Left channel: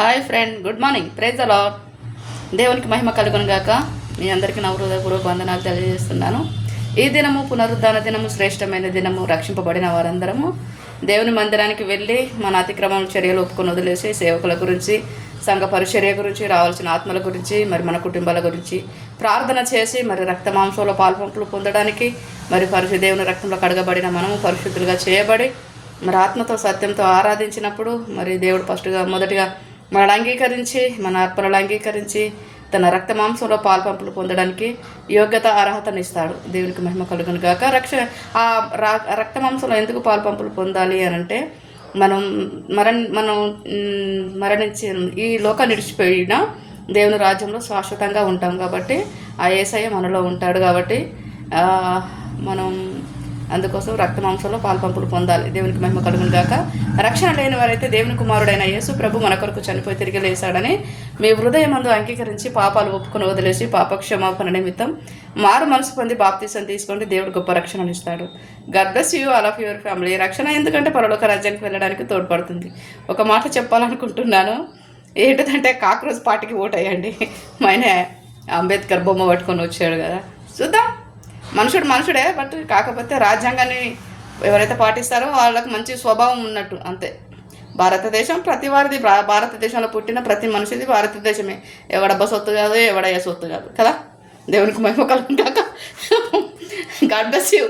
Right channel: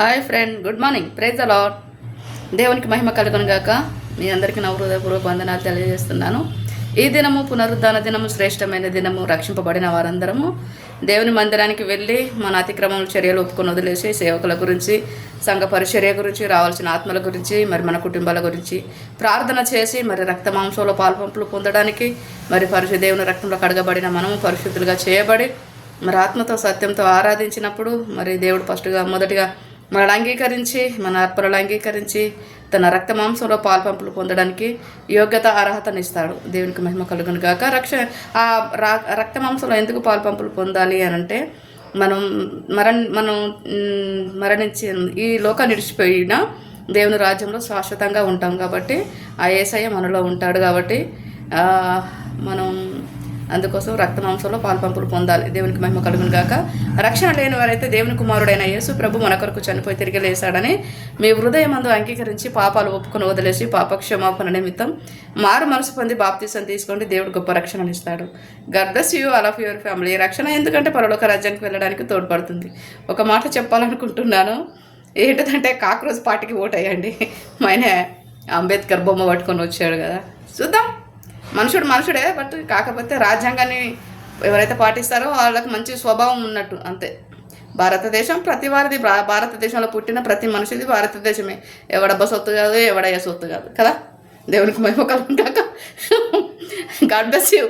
Hi friend, good morning. Praise the lord. దేవునికి మహిమ కలుగును గాక. మీ అందరికీ నా హృదయపూర్వక వందనాలు తెలియజేస్తున్నాను. ఈ దినము పునరుద్ధాన దినము, శ్రేష్టమైన దినము. రక్షింపబడిన వారందరము దేవుని మందిరానికి వెళ్ళి మన అతిక్రమం చర్యలు ఒప్పుకొని వదిలేసి సేవకుల గురించి, సంఘ పరిచర్య గురించి, రావాల్సిన ఆత్మల గురించి, మరి మన కుటుంబాల గురించి ప్రార్థన చేసి మరి రక్త మాంసంలో పాల్పంపులు పొందడానికి, మరి దేవుని రక్తంలో కడగబడిన మనము పరిశుద్ధులుగా చేయబడి మరి ఆత్మతో సత్యంతో ఆరాధించినప్పుడు మరి దేవుడు మొదటిగా మనల్ని అంగీకరించి, మన అర్పణలు అంగీకరించి తన రక్త మాంసంలో పాల్పంపులు పొందడానికి యోగ్యత అర్హతనిస్తాడు. దేవునికి మహిమ కలుగును గాక. రక్త మాంసంలో ఎందుకు పాల్పంపులు పొందాలి అని అంటే, మనం మరణించి ఈ లోకాన్ని విడిచిపోయిన దేవుని రాజ్యంలో శాశ్వతంగా ఉంటాం కాబట్టి, ఆ యేసయ్య మనలో ఉంటాడు కాబట్టి మనం అందుకోసం రక్త మాంసంలో పాల్పంపులు పొందాలి. దేవునికి మహిమ కలుగును గాక. రక్షణ లేని వారైతే దేవుని కుమారుడైన యేసు ప్రభు మన కొరకు చనిపోయి తిరిగి లేశాడని మీ హృదయమందు అంగీకరించి పాపాలు ఒప్పుకొని వదిలేసి పాపక్షమాపణ నిమిత్తం మారు మనసు పొంది బాప్తీసం తీసుకోండి. దేవుడు గొప్ప రక్షణను ఇస్తాడు. God bless you all of your family. రక్షణ ఎందుకంటే పరలోక రాజ్యానికి వెళ్ళడానికి తోడ్పడుతుంది. ఒక మాట చెప్పాలనుకుంటున్నాను. ఏంటంటే కాక్రోజ్ పార్టీకి ఓట్ అయ్యండి. మైనే అంబేద్కర్ బొమ్మ పట్టుకొని వచ్చాడు కదా, చూద్దాం. మనుషుడే, బట్ కాకపోతే రాజ్యాంగాన్ని ఎవరైతే పాటిస్తారో వాళ్ళకి మంచి స్వభావం ఉన్నట్టు అంతే. భారతదేశం ప్రతి వారిది, భారతదేశంలో పుట్టిన ప్రతి మనిషిది భారతదేశమే. ఎవడబ్బ సొత్తు కాదు, ఎవడయ్య సొత్తు కాదు కదా. దేవునికి మహిమ కలుగును గాక. God bless you.